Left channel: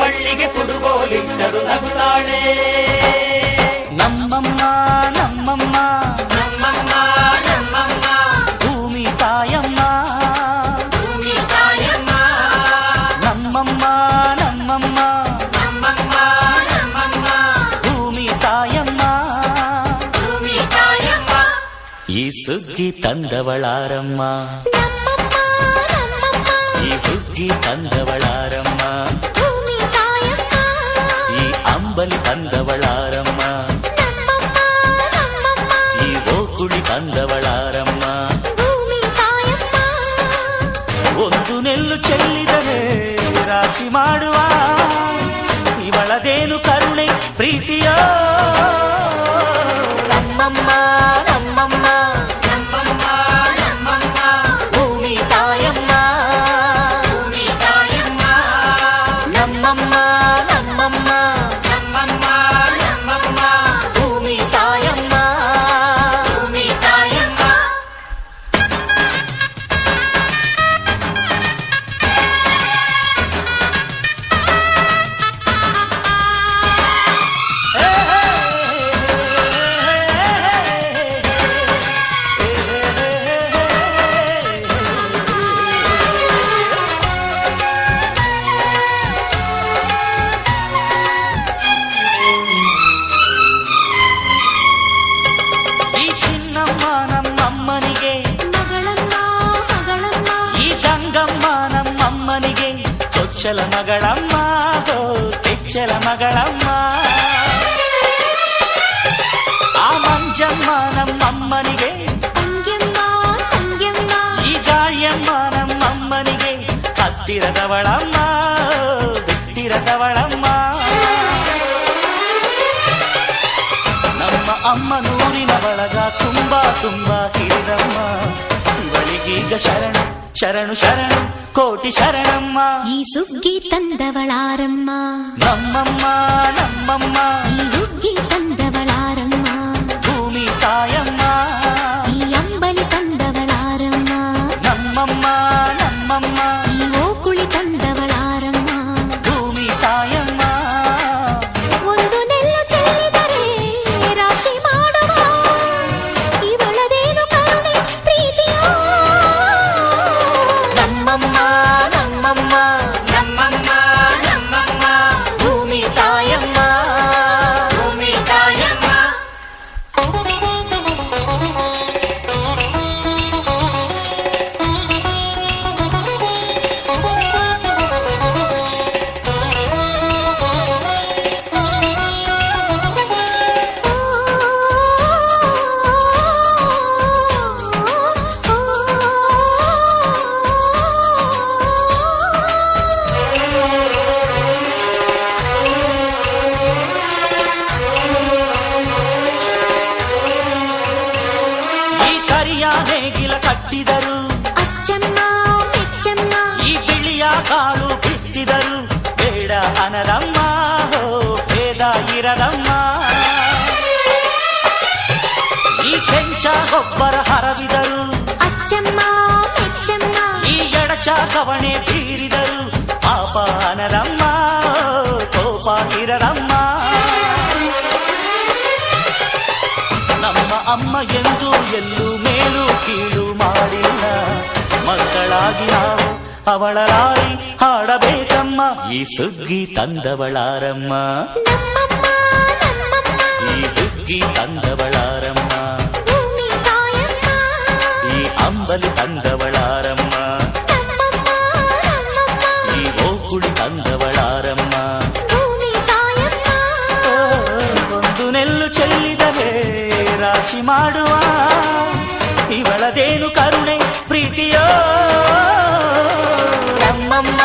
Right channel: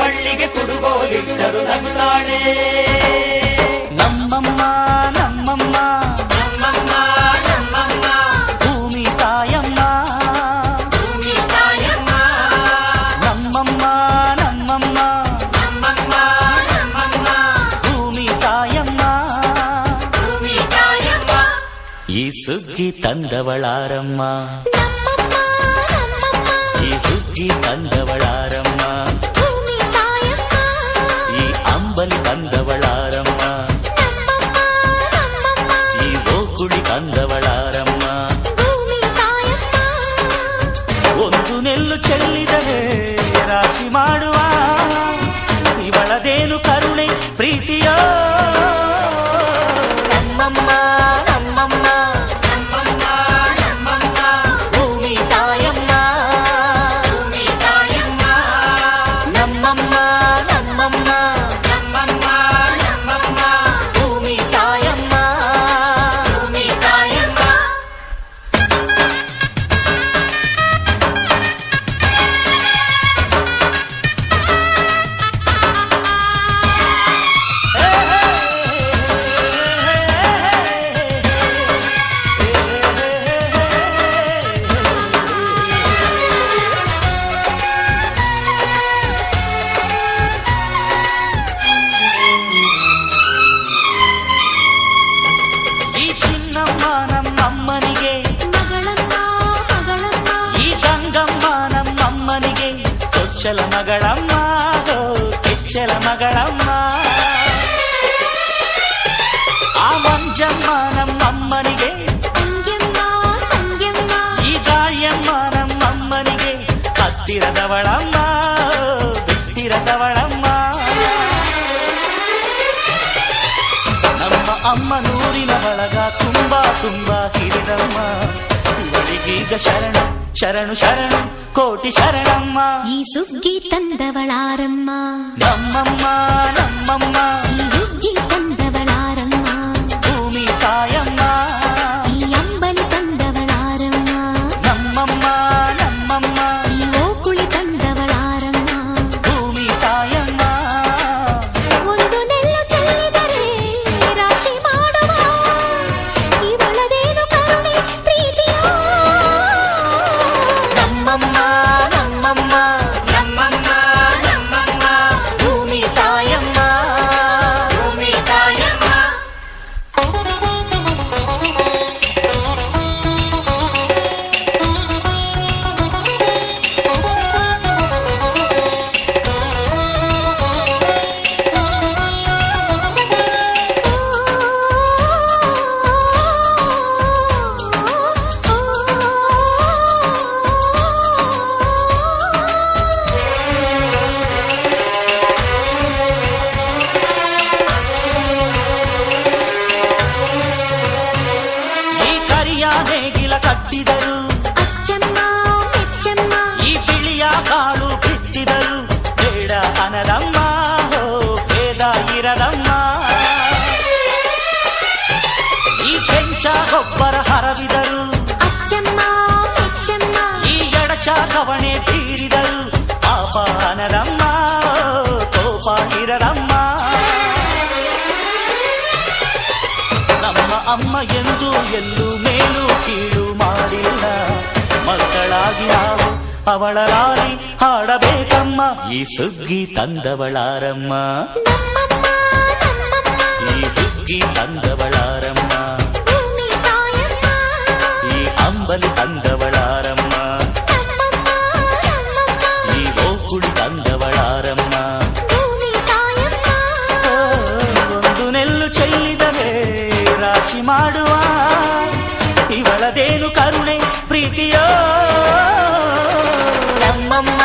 ಬಳ್ಳಿಗೆ ಕುಡುಗೋಲಿಟ್ಟರು ನಗುತ್ತಾಳೆ. ನಮ್ಮಮ್ಮ ನಮ್ಮಮ್ಮ ನಮ್ಮಮ್ಮ ನಮ್ಮಮ್ಮ ಭೂಮಿ ತಾಯಮ್ಮ, ಭೂಮಿ ತಾಯಮ್ಮ. ನಮ್ಮಮ್ಮ ನಮ್ಮಮ್ಮ ನಮ್ಮಮ್ಮ ನಮ್ಮಮ್ಮ ಭೂಮಿ ತಾಯಮ್ಮ. ಭೂಮಿ ತಾಯಮ್ಮ. ಈ ಸುಗ್ಗಿ ತಂದವಳಾರಮ್ಮ, ಈ ಹುಗ್ಗಿ ತಂದವಳಾರಮ್ಮ, ಈ ಅಂಬಲಿ ತಂದವಳಾರಮ್ಮ, ಈ ಓಕುಳಿ ತಂದವಳಾರಮ್ಮ. ಒಂದು ನೆಲ್ಲು ಚೆಲ್ಲಿದರೆ ರಾಶಿ ಮಾಡುವ ಇವಳದೇನು ಕರುಣೆ ಪ್ರೀತಿಯೋ. ನಮ್ಮಮ್ಮ ನಮ್ಮಮ್ಮ ನಮ್ಮಮ್ಮ ನಮ್ಮಮ್ಮ ಭೂಮಿ ತಾಯಮ್ಮ, ಭೂಮಿ ತಾಯಮ್ಮ. ನಮ್ಮಮ್ಮ ನಮ್ಮಮ್ಮ ನಮ್ಮಮ್ಮ ನಮ್ಮಮ್ಮ ಭೂಮಿ ತಾಯಮ್ಮ. ಭೂಮಿ ತಾಯಮ್ಮ. ಈ ಚಿನ್ನಮ್ಮ ನಮ್ಮಮ್ಮನಿಗೆ ಮಗಳಮ್ಮ ಮಗಳಮ್ಮ, ಈ ಗಂಗಮ್ಮ ನಮ್ಮಮ್ಮನಿಗೆ ಚೊಚ್ಚಲ ಮಗಳಮ್ಮ, ಹೋ ಕೆಚ್ಚಲ ಮಗಳಮ್ಮ. ಆ ಮಂಜಮ್ಮ ನಮ್ಮಮ್ಮನಿಗೆ, ತಂಗ್ಯಮ್ಮ ತಂಗ್ಯಮ್ಮ, ಈ ಗಾಳಿಯಮ್ಮ ನಮ್ಮಮ್ಮನಿಗೆ ಹತ್ತಿರದವಳಮ್ಮ, ಬಿಟ್ಟಿರದವಳಮ್ಮ. ನಮ್ಮ ಅಮ್ಮ ನೂರಿನ ಬಳಗ ತುಂಬಾ ತುಂಬಾ ಹಿರಿದಮ್ಮ, ಇವಳಿಗೀಗ ಶರಣು ಶರಣು ಶರಣು ಕೋಟಿ ಶರಣಮ್ಮ. ಈ ಸುಗ್ಗಿ ತಂದವಳಾರಮ್ಮ, ನಮ್ಮಮ್ಮ ನಮ್ಮಮ್ಮ ಈ ಹುಗ್ಗಿ ತಂದವಳಾರಮ್ಮ, ಭೂಮಿ ತಾಯಮ್ಮ, ಈ ಅಂಬಲಿ ತಂದವಳಾರಮ್ಮ, ನಮ್ಮಮ್ಮ ನಮ್ಮಮ್ಮ ಈ ಓಕುಳಿ ತಂದವಳಾರಮ್ಮ. ಭೂಮಿ ತಾಯಮ್ಮ. ಒಂದು ನೆಲ್ಲು ಚೆಲ್ಲಿದರೆ ರಾಶಿ ಮಾಡುವ ಇವಳದೇನು ಕರುಣೆ ಪ್ರೀತಿಯೋ. ನಮ್ಮಮ್ಮ ನಮ್ಮಮ್ಮ ನಮ್ಮಮ್ಮ ನಮ್ಮಮ್ಮ ಭೂಮಿ ತಾಯಮ್ಮ, ಭೂಮಿ ತಾಯಮ್ಮ. ಈ ಕರಿಯ ನೇಗಿಲ ಕಟ್ಟಿದರು, ಅಚ್ಚಮ್ಮ ಮೆಚ್ಚಮ್ಮ, ಈ ಬಿಳಿಯ ಕಾಳು ಬಿತ್ತಿದರು, ಬೇಡ ಅನರಮ್ಮ, ಹೋ ಭೇದ ಇರರಮ್ಮ. ಈ ಕೆಂಚ ಗೊಬ್ಬರ ಹರವಿದರು, ಅಚ್ಚಮ್ಮ ಮೆಚ್ಚಮ್ಮ, ಈ ಎಡಚ ಕವಣೆ ಬೀರಿದರು, ಪಾಪ ಅನರಮ್ಮ, ಕೋಪ ಇರರಮ್ಮ. ನಮ್ಮ ಅಮ್ಮ ಎಂದು ಎಲ್ಲೂ ಮೇಲು ಕೀಳು ಮಾಡಿಲ್ಲ, ಮಕ್ಕಳಾಗಿ ನಾವು ಅವಳ ಲಾಲಿ ಹಾಡಬೇಕಮ್ಮ. ಈ ಸುಗ್ಗಿ ತಂದವಳಾರಮ್ಮ, ನಮ್ಮಮ್ಮ ನಮ್ಮಮ್ಮ, ಈ ಹುಗ್ಗಿ ತಂದವಳಾರಮ್ಮ, ಭೂಮಿ ತಾಯಮ್ಮ, ಈ ಅಂಬಲಿ ತಂದವಳಾರಮ್ಮ, ನಮ್ಮಮ್ಮ ನಮ್ಮಮ್ಮ, ಈ ಓಕುಳಿ ತಂದವಳಾರಮ್ಮ. ಭೂಮಿ ತಾಯಮ್ಮ. ಓ, ಒಂದು ನೆಲ್ಲು ಚೆಲ್ಲಿದರೆ ರಾಶಿ ಮಾಡುವ ಇವಳದೇನು ಕರುಣೆ ಪ್ರೀತಿಯೋ. ನಮ್ಮಮ್ಮ